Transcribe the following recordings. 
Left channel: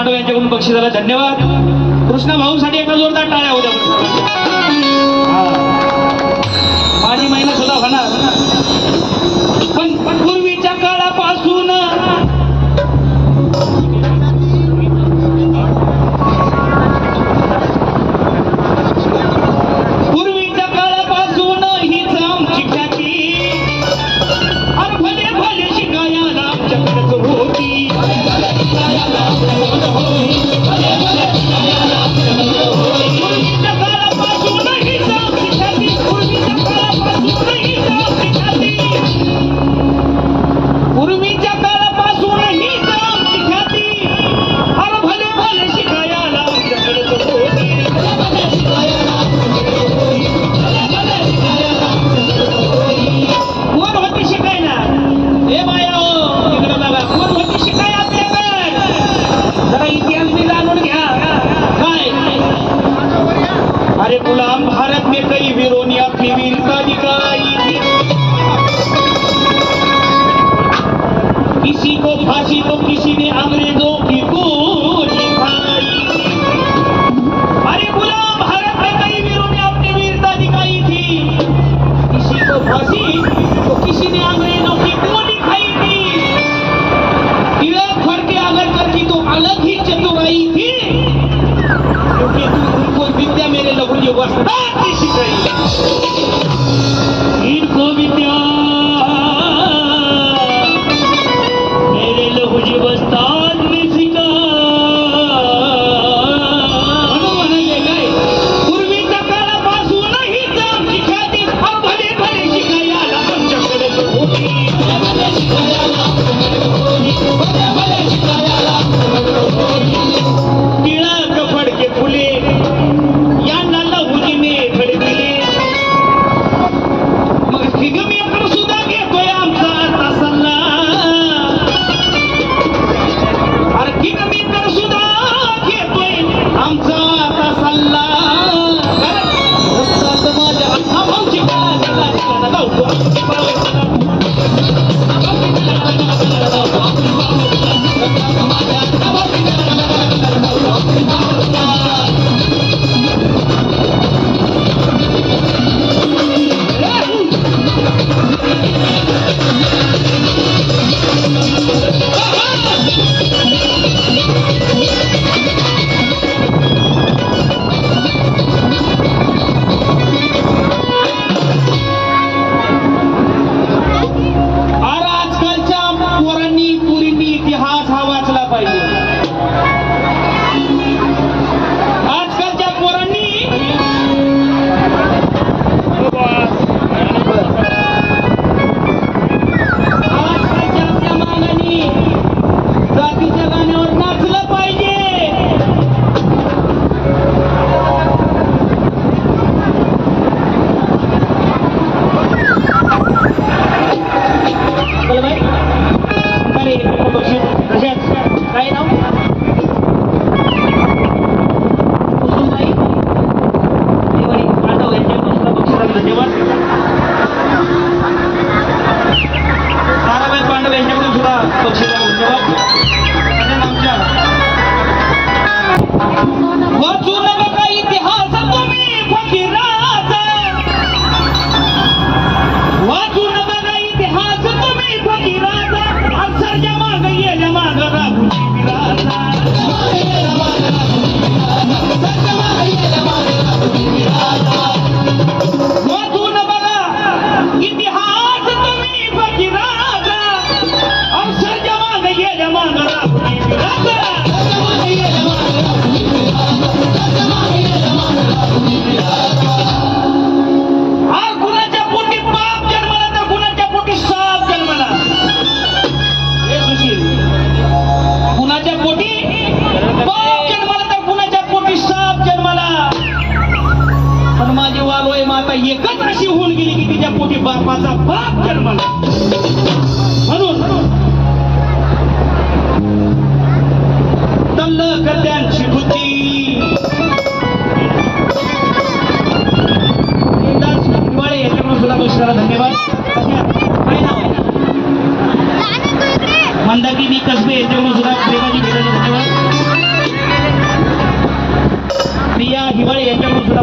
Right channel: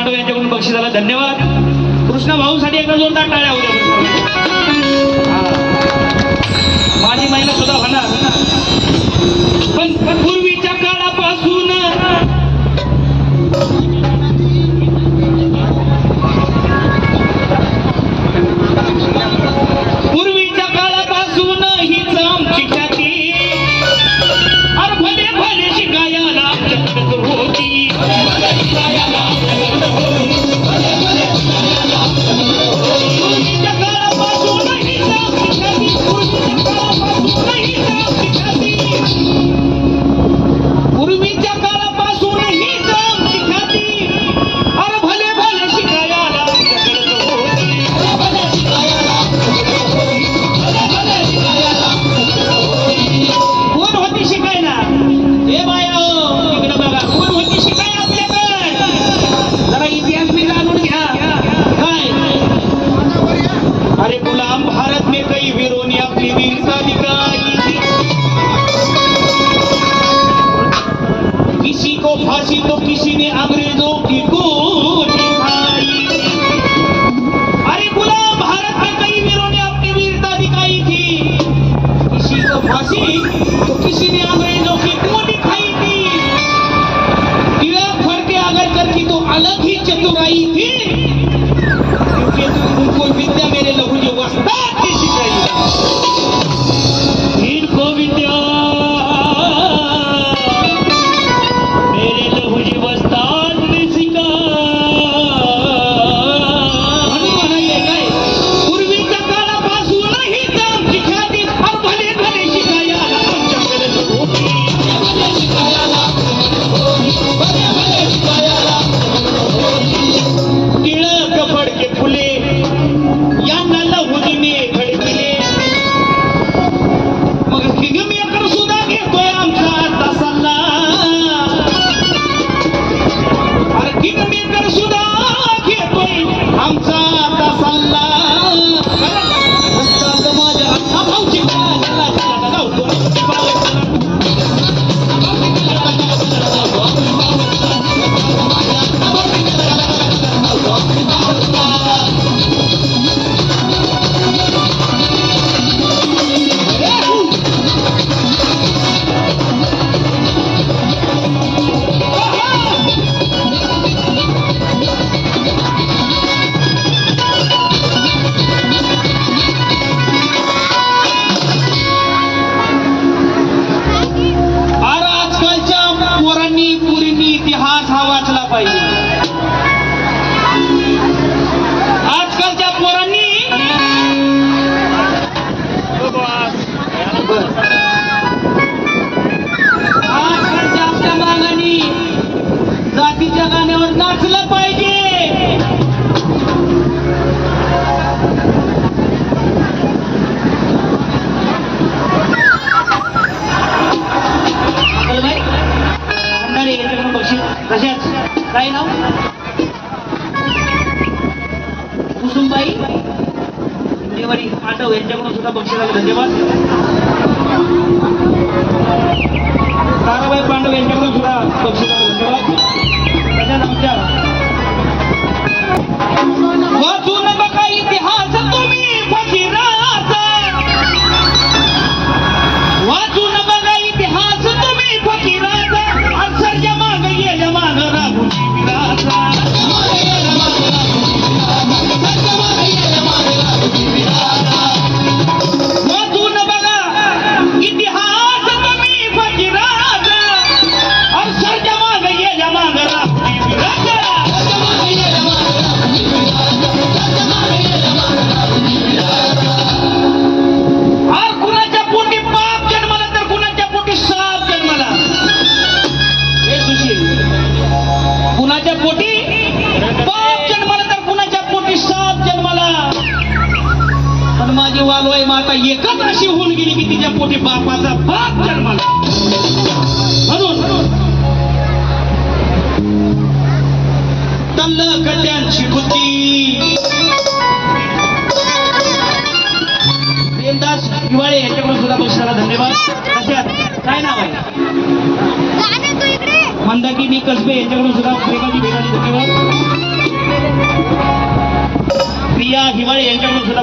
पांडव यांच्याकडून बक्षिसाला धन्यवाद. कृष्णा भाऊसाठी एका जोरदार टाळ्या होत्या. माझी महिना सुद्धा होणार. पण पूर्वीच्या काळापासून हीच आमची ख्याती. अरे भले भले शिकायला आमच्याकडे होती. पूर्वीच्या काळापासून हीच आमची ख्याती. पूर्वीच्या काळापासून हीच आमची ख्याती. पूर्वीच्या काळापासून हीच आमची ख्याती. अरे भले भले शिकायला आमच्याकडे होती. कोण होती शिकायला? हे बाया हो, इकडे बघा, कोण होती शिकाय आपल्याकडे? जरा इतिहास भी जाणून घ्या. काय अरे गुलाम भारत में कई वीरों ने अपनी वीरता दिखाई. किसी को फांसी तो किसी ने अंग्रेजों की गोली खाई. अरे गुलाम भारत में कई वीरों ने अपनी वीरता दिखाई थी. किसी को फांसी तो किसी ने अंग्रेजों की गोली खाई थी. तिलक फड़ के अगर करती तो अलग ही चतुराई थी. क्योंकि उनको विद्या मेरे लघु जी वस्ताद की सिखाई. इनको विद्या मेरे लघु जी वस्ताद ने सिखाई. काय पूर्वीच्या काळापासून हीच आमची ख्याती. भले भले शिकायला आमच्याकडे होती. टिळक फडके फुले यांना लहुजीने घडविले. मग किंगमेकर सुद्धा घेतोय आमचा आता सल्ला. अरे किंगमेकर सुद्धा घेतोय आमचा आता सल्ला. रस्त्यात माझ्या हा भाऊची बाळाला लावतो.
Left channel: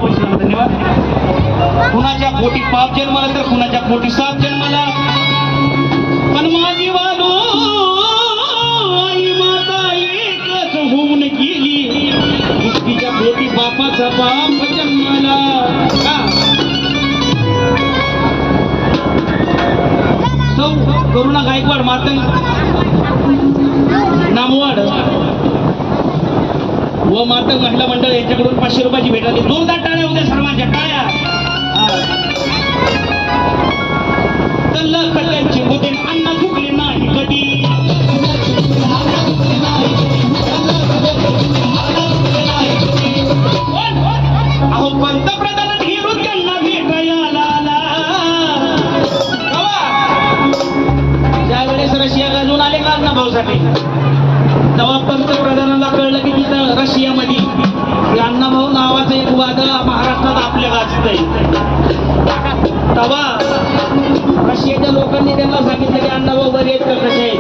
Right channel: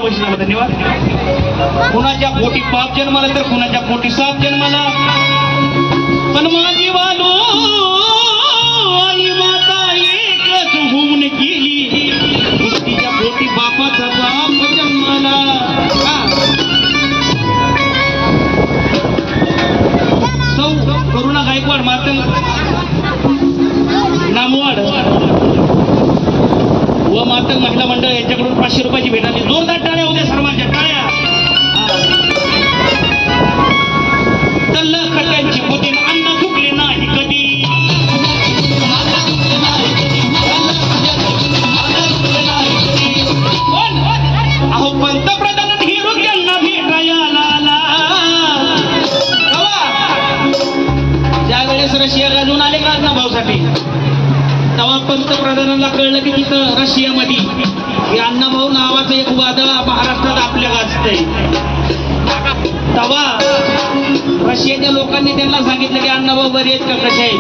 मनापासून धन्यवाद. कुणाच्या पोटी पाप जन्माला तर कुणाच्या पोटी साप जन्माला, पण माझी वालो आई माता एकच होऊन गेली, तिच्या पोटी बापाचा बाप जन्माला. सौ करुणा गायकवाड मातंग नामवाड व मातंग महिला मंडळ यांच्याकडून 500 रुपयाची भेट आली. जोरदार टाळ्या होत्या सर्वांच्या टाळ्या. तल्ल कट्ट्यांची मोठी अन्न चुकले नाही कधी. अहो पंतप्रधान हिरो त्यांना भेटायला आला. ज्या वेळेस रशिया गाजून आले का अण्णाभाऊसाठी, तेव्हा पंतप्रधानांना कळलं की तिथं रशियामध्ये हे अण्णाभाऊ नावाचं एक वादळ महाराष्ट्रात आपल्या गाजतंय. तेव्हा रशियाच्या लोकांनी त्यांना सांगितलं की अण्णाभाऊ बरे आहेत का, कसे आहेत.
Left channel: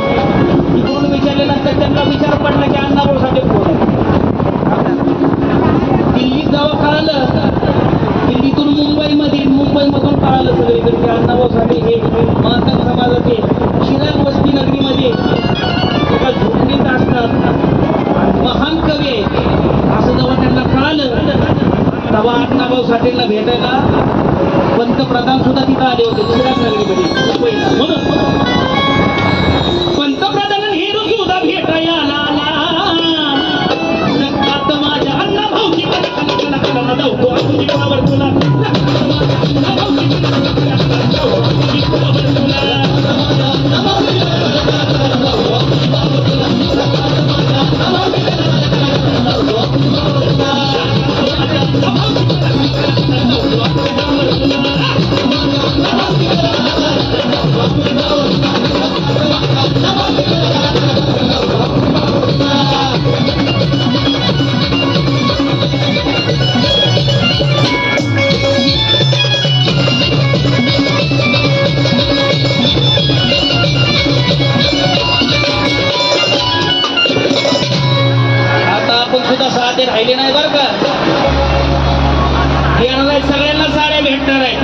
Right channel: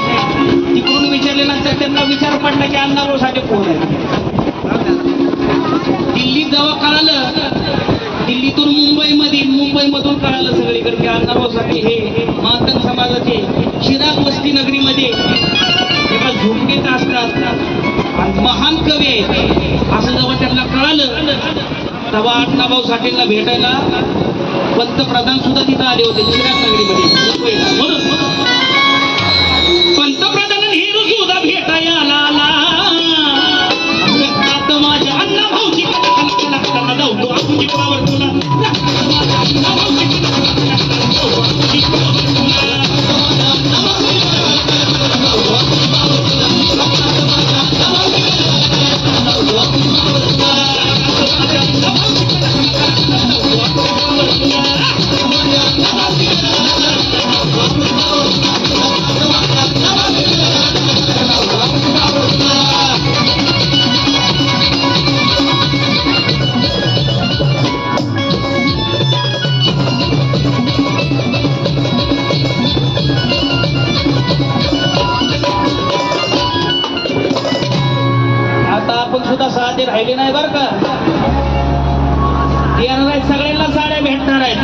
तिकडून विचारल्यानंतर त्यांना विचार पडला की अण्णाभाऊसाठी कोण आहे. दिल्लीत जेव्हा कळालं, दिल्लीतून मुंबईमधून कळालं सगळीकडे की अण्णाभाऊसाठी हे मातंग समाजाचे चिराग वस्ती नगरीमध्ये एका झोपडीत असतात, महान कवी आहेत असं जेव्हा त्यांना कळालं, तेव्हा अण्णाभाऊ साठेंना भेटायला पंतप्रधान सुद्धा तिथं आले होते चिराग नगरीमध्ये मुंबईला. म्हणून पंतप्रधान हिरो सुद्धा भेटायला आला. रक्तात माझ्या अण्णाभाऊची कला धावतो आपुजी पावर तुला. राहिले नाही बरं का. येणार आहेत सगळ्यांना साड्या भेटणार आहेत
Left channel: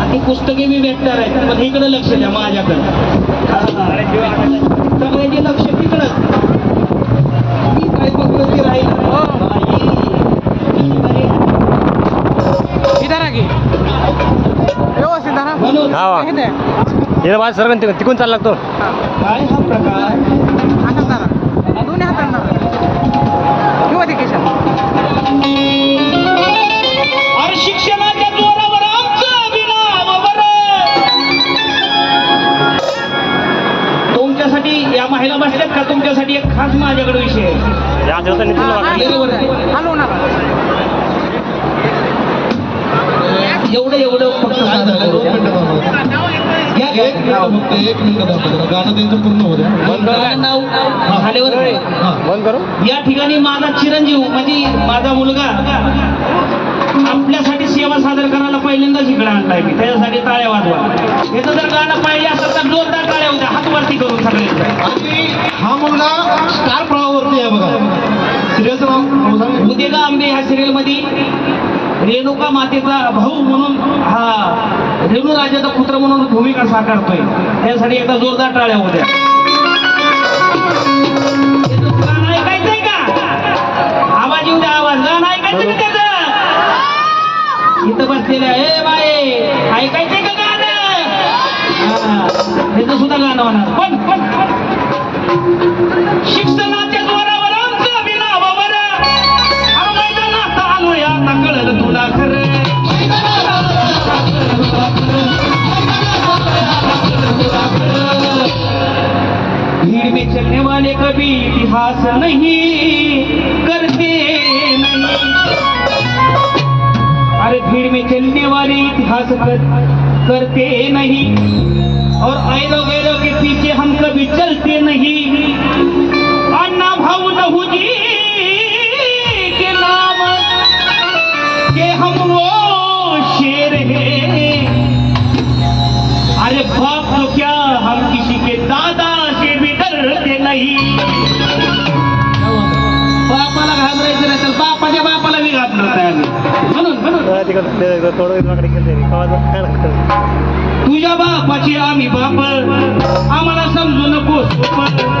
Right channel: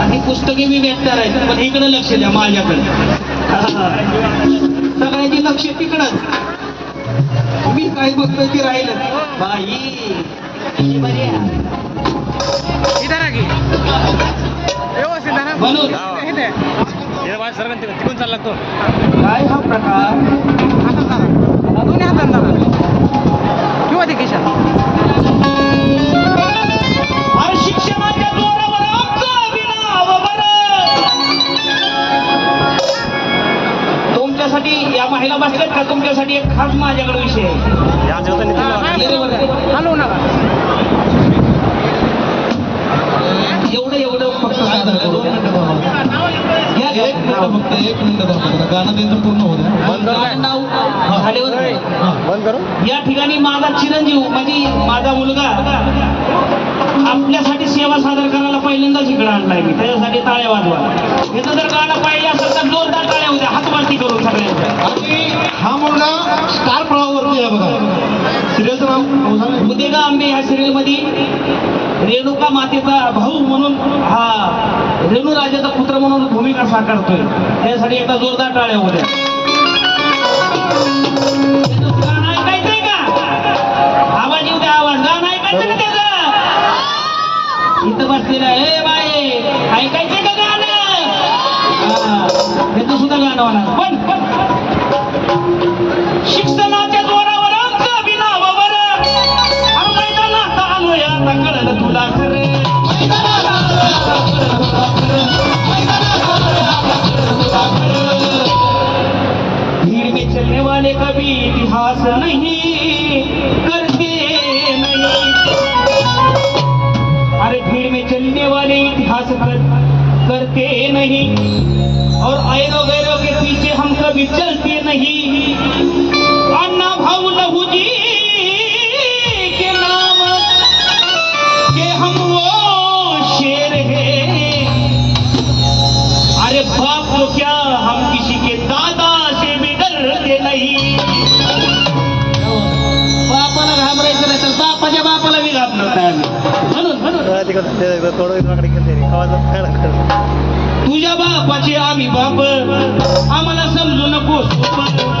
आणि पुस्तके मी भेटणार आहेत, पण इकडे लक्ष द्या माझ्याकडे. सगळ्यांचे लक्ष तिकडच. मी काय बघतोय ते राहील म्हणून सर्व तिकून चालला तो काय हा प्रकार. अरे शिक्षणाच्या जोरावर आमचं विनाव बरं. तुमच्यासाठी या महिला बसल्यात का, तुमच्यासाठी एक खास माझ्याकडे विषय आहे. एवढं फक्त सादर करू. एक मिनिट गाणं त्यांचं पूर्ण होतं. बंद करू. या ठिकाणी माझा चिरंजीव म्हणजे माझा मुलगा आपल्यासाठी सेवा सादर करायला पहिल्यांदाच इकडे आणलाय मी. त्याच्यासाठी टाळ्या वाजवा. याचं जर गाणं पाहिजे असेल तर जोरदार टाळ्या होत्या हात वरती करून सगळे. हा मुलगा स्टार प्रवाहावरती आहे बघा. सिरियलचं नाव उद्या आंबे ह्या सिरियल मध्ये रेणुका मातेचा भाऊ म्हणून, हा रेणू राजाचा पुत्र म्हणून भूमिका साकारतोय. त्यासाठी एकदा जोरदार टाळ्या होत्या. गाणं ऐकायचंय का? आवाज येऊ द्या, आवाज. गाणं ऐकायचं का त्याचं? इथं बसलेलं हे बाई ऐकायचंय का गाणं? त्याचं सुद्धा गाणं होणार. पण शिक्षणाच्या जोरावर आमचं विनावावर आता कळलं तुला खरं. भीड़ में चलने वाले कभी इतिहास नहीं करते नहीं. अरे भीड़ में चलने वाले इतिहास करते नहीं और ऐरो गैरों के पीछे हम कभी चलते नहीं. अन्ना भाऊ लहू जी के नाम के हम वो शेर हैं. अरे बाप तो क्या हम किसी के दादा से भी डरते नहीं. बापाला घाबरायचं नाही तर बापाच्या बापाला बी घाबरत नाही. म्हणून थोडं गेलं तुझ्या बापाचे आम्ही बाप आम्हाला समजू नको सोप